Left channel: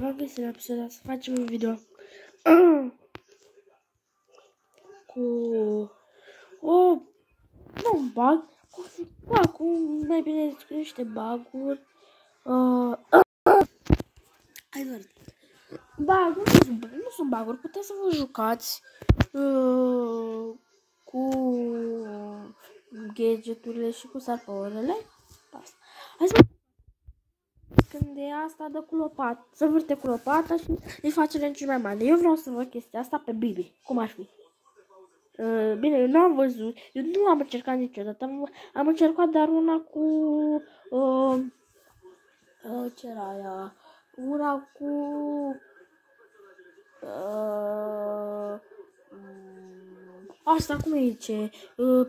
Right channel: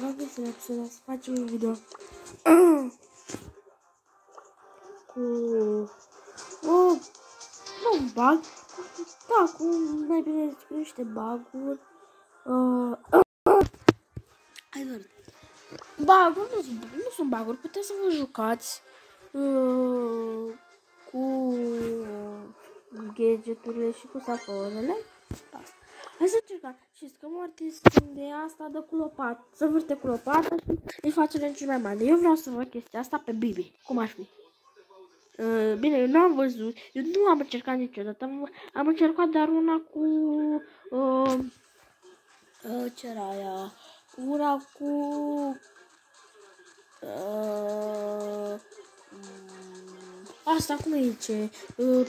V-am găsit la episodul să facem un video cu un bug, cu mai bine zis cu niște bug-uri. Hai doar. Bug-uri nu sunt bug-uri, puteți să vă jucați cu gadgeturile și cu saporele. Hai să încercăm. Știți că Mortis când e asta dă cu lopată, să vârte cu lopata și îi face renci mai mare. Eu vreau să văd chestia asta pe Bibi. Cum ar fi? Bine, eu nu am văzut, eu nu am încercat niciodată, am încercat doar una cu, ce era aia, una cu, asta cum îi zice,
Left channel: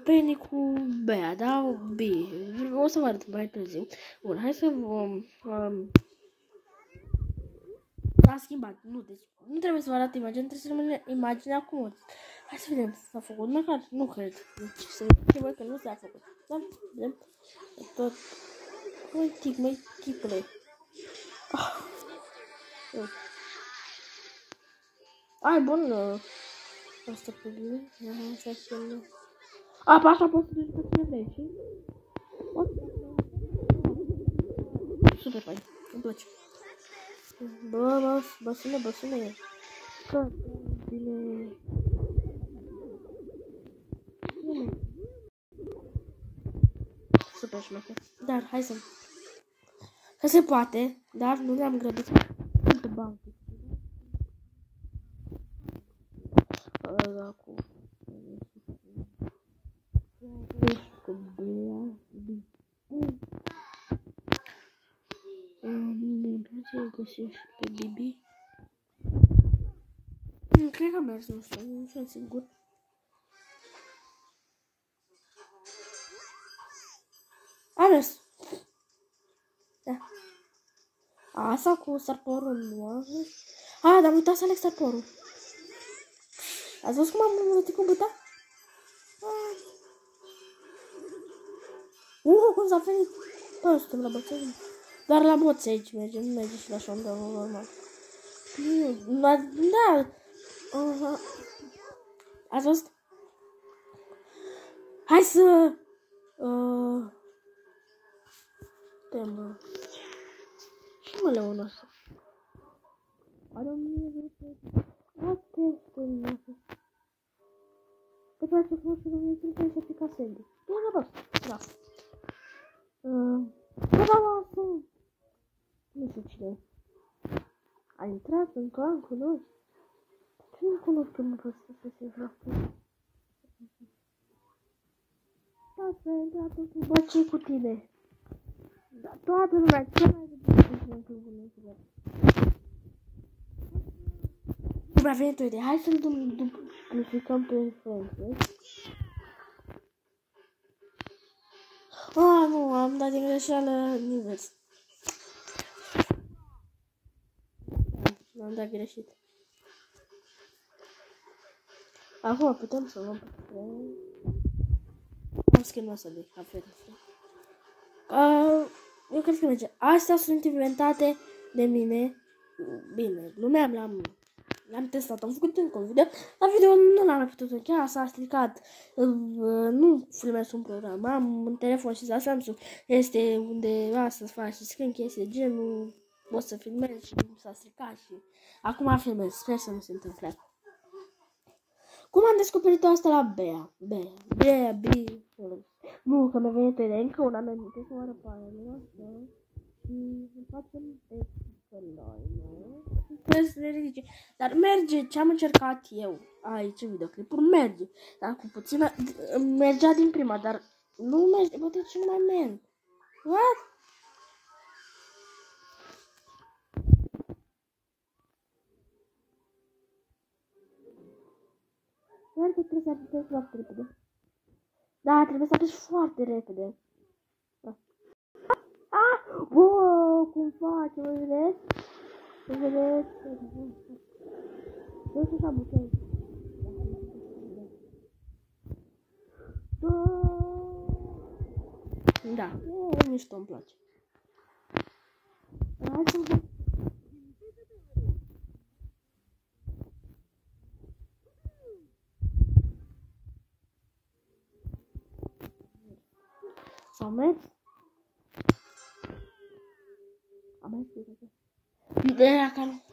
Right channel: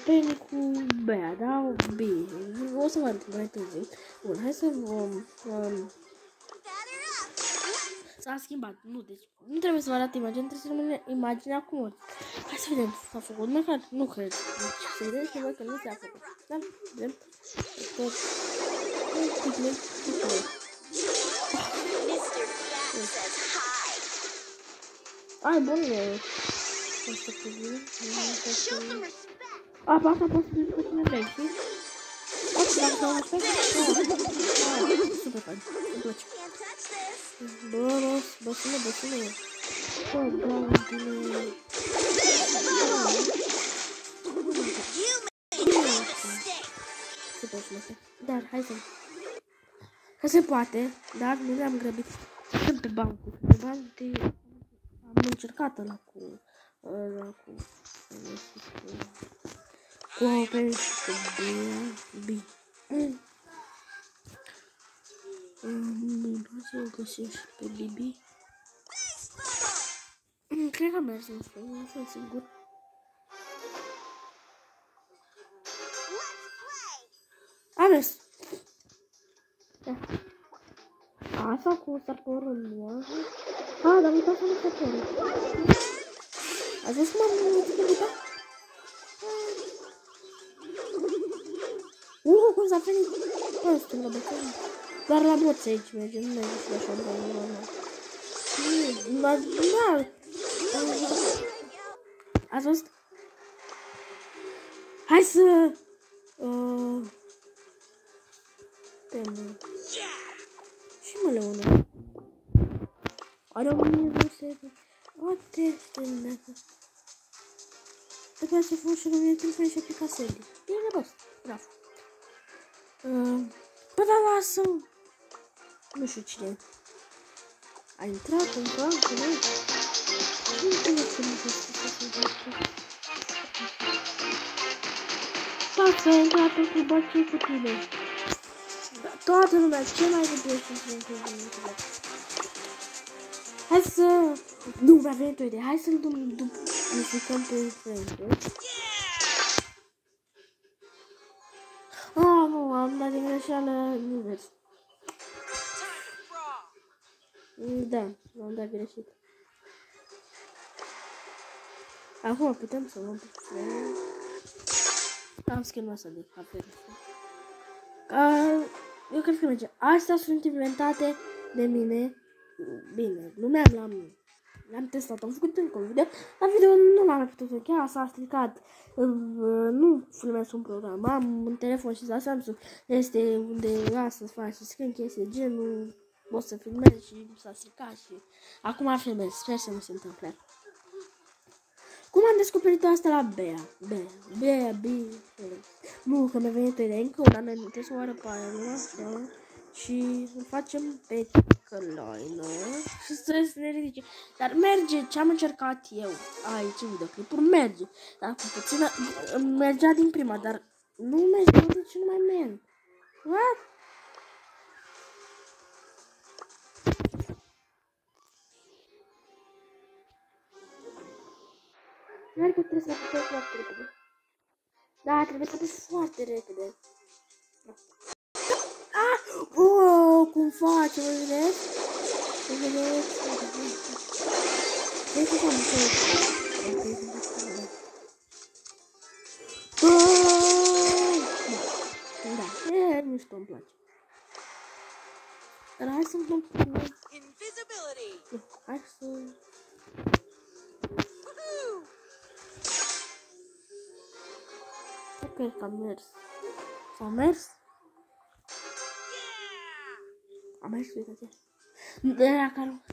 Penny cu Bea, da? B, o să vă arăt mai târziu. Bun, hai să s-a schimbat, nu, deci nu trebuie să vă arăt imaginea, trebuie să rămâne imaginea cum. Hai să vedem, s-a făcut, măcar, nu cred, deci să vedem și voi că nu s-a făcut, da? Vedem, tot, ai, bun, asta pe bine, pe asta poți să duci cu tine vrei, știi? Poți dacă s-au așa? Super fain, îmi place. Bă, sună. Bă, bine. Super frumos. Dar, hai să... Că se poate, dar nu ne-am grăbit pe bancul. Pe bancul am încercat ăla cu Open și cu B. Nu să o găsim și pe Bibi. Cred că merge asta, nu sunt sigur. A mers. Da. Asta cu sarporul nu. Dar am uitat să aleg sarporul. Ați văzut cum am uitat? Cum s-a venit? Bă, suntem la bătălie. Doar la moți aici merge, nu merge și la șoambă normal. Da. Ați văzut? Hai să... Temă. Și mă leună. Are 1000 What the hell? Trebuie să fug și rămâne timp și aplica Sandy. E rost, bravo. Bă, lasă! Nu știu cine. A intrat în bancă, nu? Nu telefonul ăsta să se facă. Față, a intrat cu băcii cu tine. Da, toată lumea, ce mai repede cu tine. Hai să... Nu, mi-a venit o idee. Hai să-l duplicăm pe Frank. Nu, am dat din greșeală invers. Da, l-am dat greșit. Acum putem să luăm pe Frank. Am schimbat să de apel. Eu cred că merge. Astea sunt inventate de mine. Bine, glumeam, l-am testat, am făcut încă un video, dar video nu l-am mai putut încheia, s-a stricat, nu filmez un program, am un telefon și la Samsung, este undeva să faci screen chestii, genul, pot să filmez și s-a stricat și acum filmez, sper să nu se întâmple. Cum am descoperit asta la Bea? Nu, că mi-a venit o idee, încă una, mi-am să o arăt pe aia, nu așa, și îl facem pe căloină și să se ridice. Dar merge, ce am încercat eu aici în videoclipuri, merge. Dar cu puțină, mergea din prima, dar nu merge, nu de ce nu mai merg. What? Iar că trebuie să apucăm foarte repede. Da, trebuie să apuci foarte repede. Wow, cum face, mă vedeți? Vezi cum am Da, e mișto, îmi place. Dar hai să-mi fac... cred că a mers. S-au mers? A mers, uite-te. Bea, calm.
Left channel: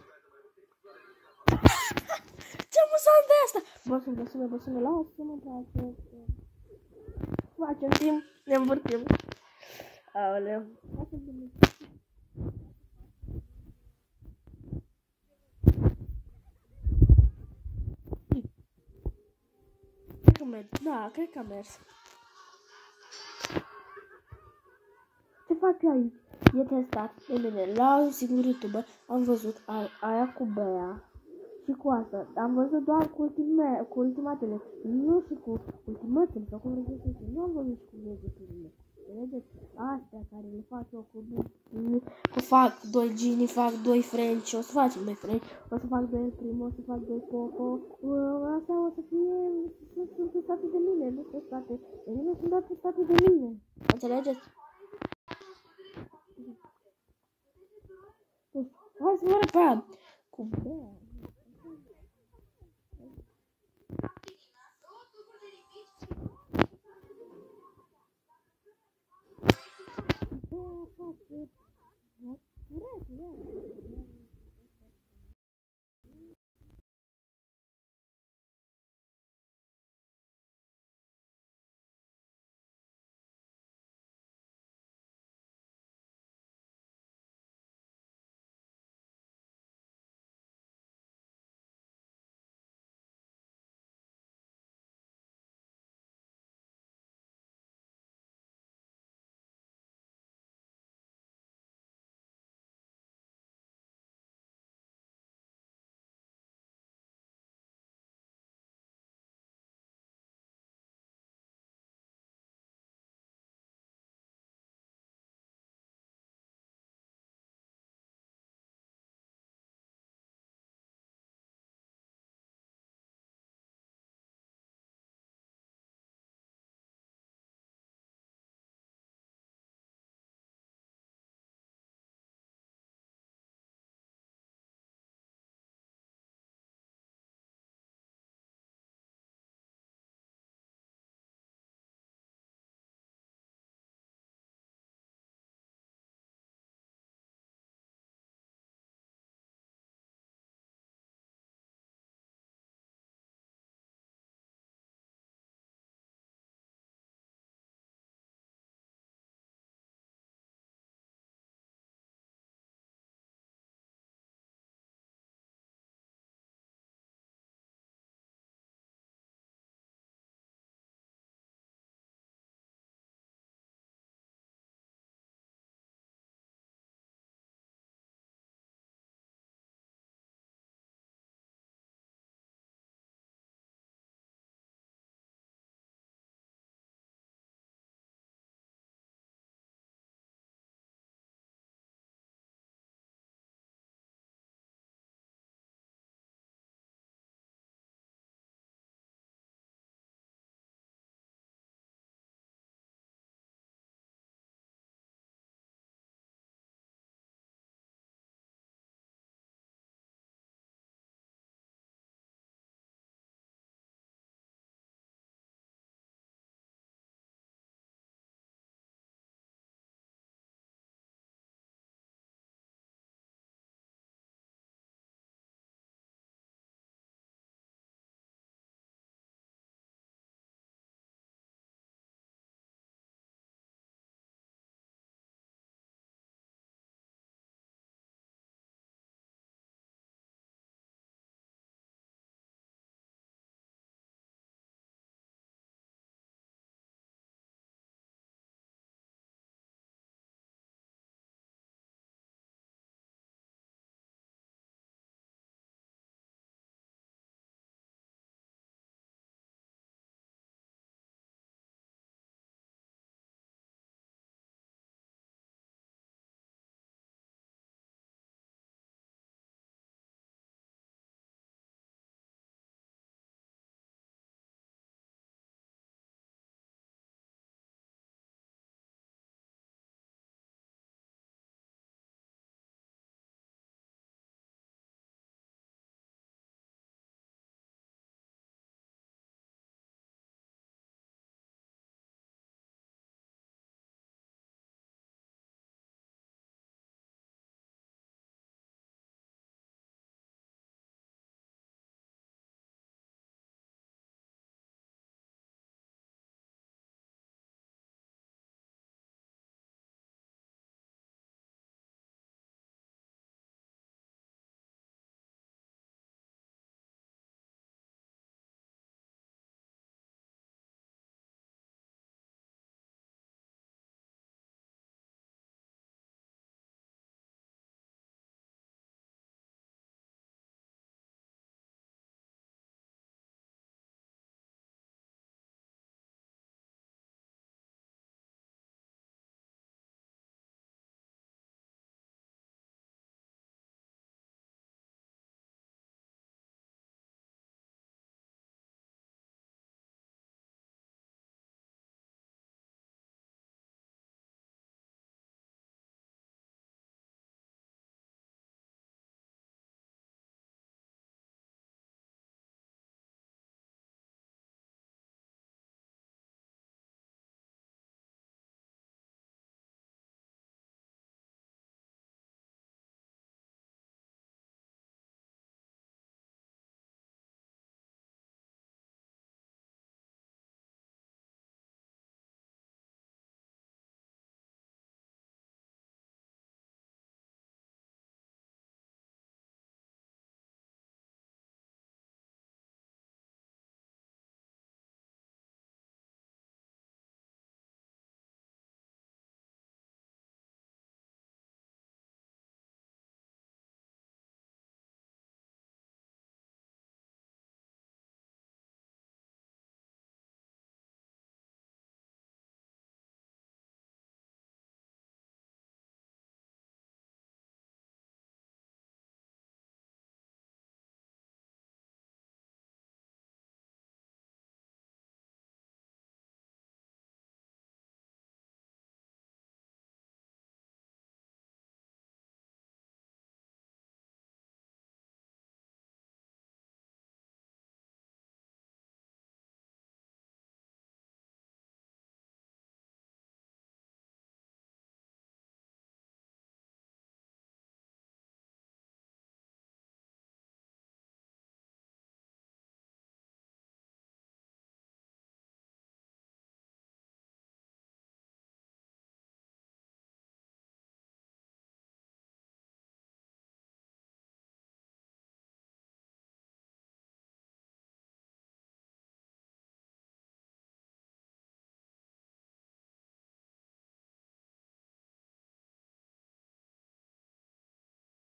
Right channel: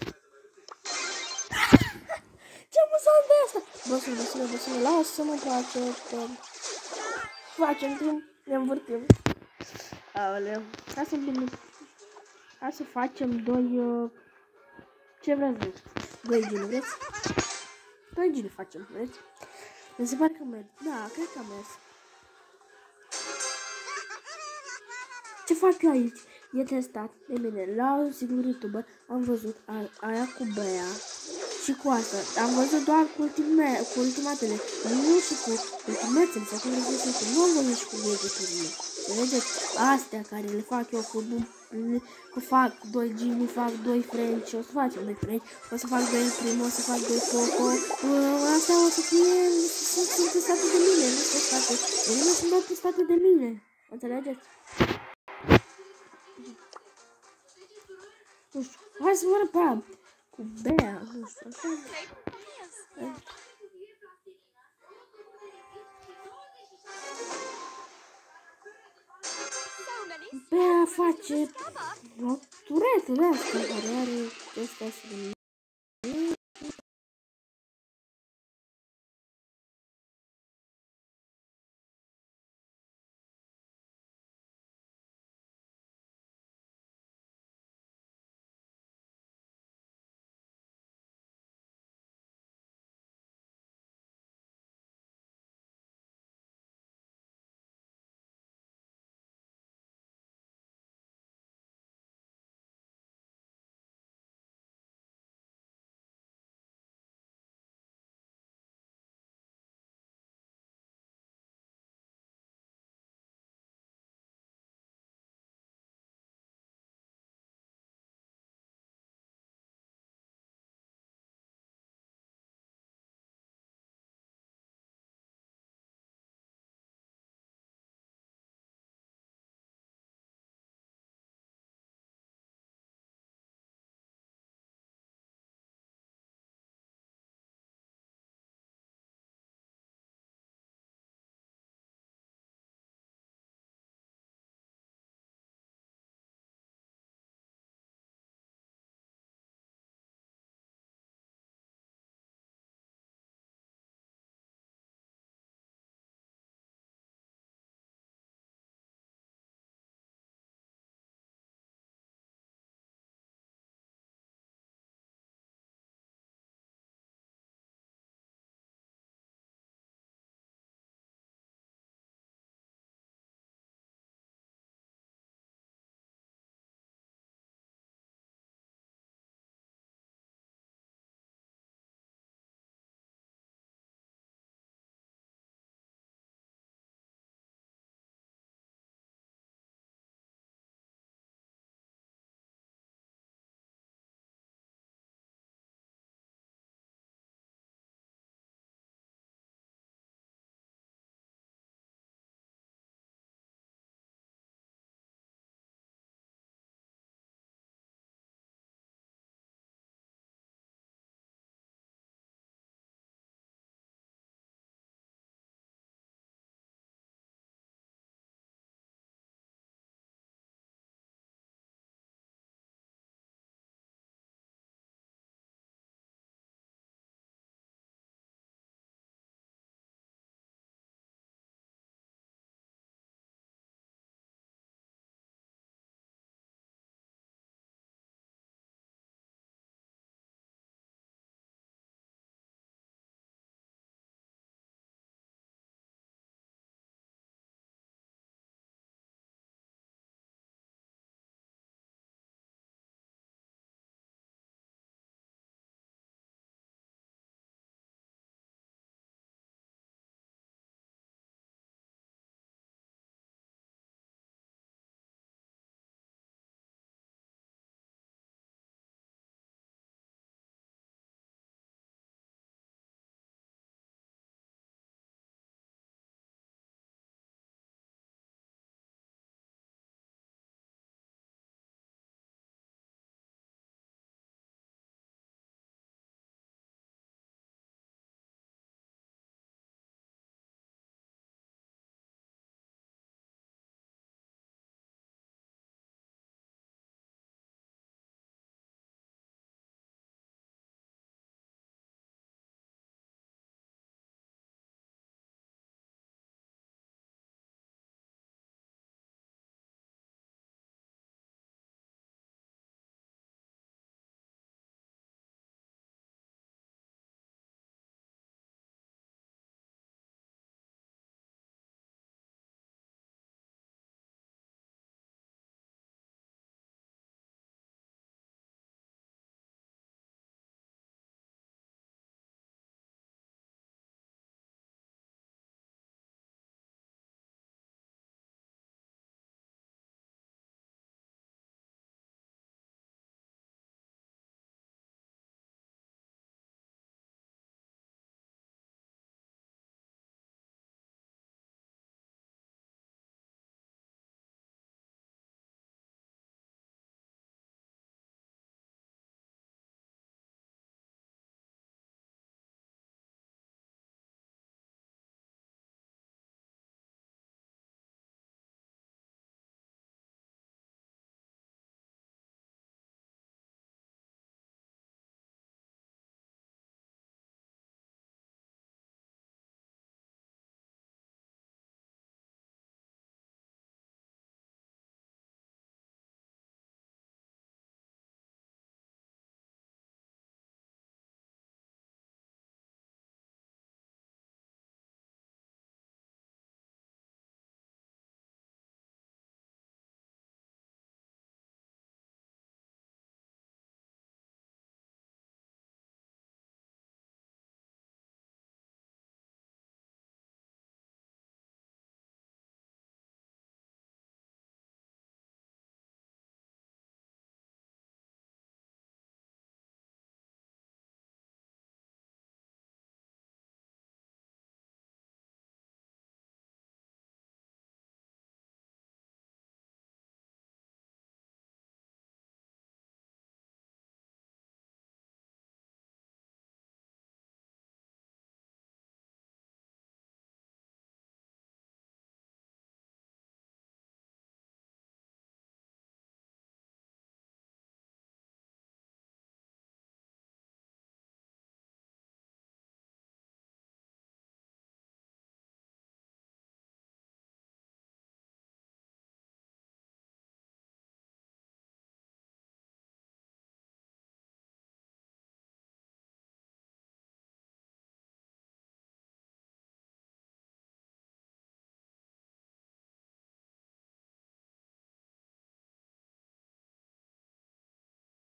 Ce amuzant de asta! Băsule, lasă-mă, place. Facem timp, ne învârtim. Aoleu. Hai să facem doi... ce vreți? Doi gini, vreți? Doi gini facem, vreți? Mi se pare că merg. Da, cred că a mers. Ce fac eu aici? E testat de mine. La un singur youtuber am văzut aia cu Bea și cu asta. Am văzut doar cu ultimatele. Nu și cu ultimatele. Sau cum le zice, nu am văzut și cu vegeturile. Vedeți? Astea care le fac eu cu fac 2 Gini, fac 2 French, o să facem 2 French, o să fac 2 Primo, o să fac 2 Coco. Astea o să fie, sunt testate de mine, nu sunt testate. Ele sunt doar testate de mine. Înțelegeți? Nu știu, hai să vă arăt cu Bea, nu știu, așa. Bea face o turetă de asta care are chestia asta de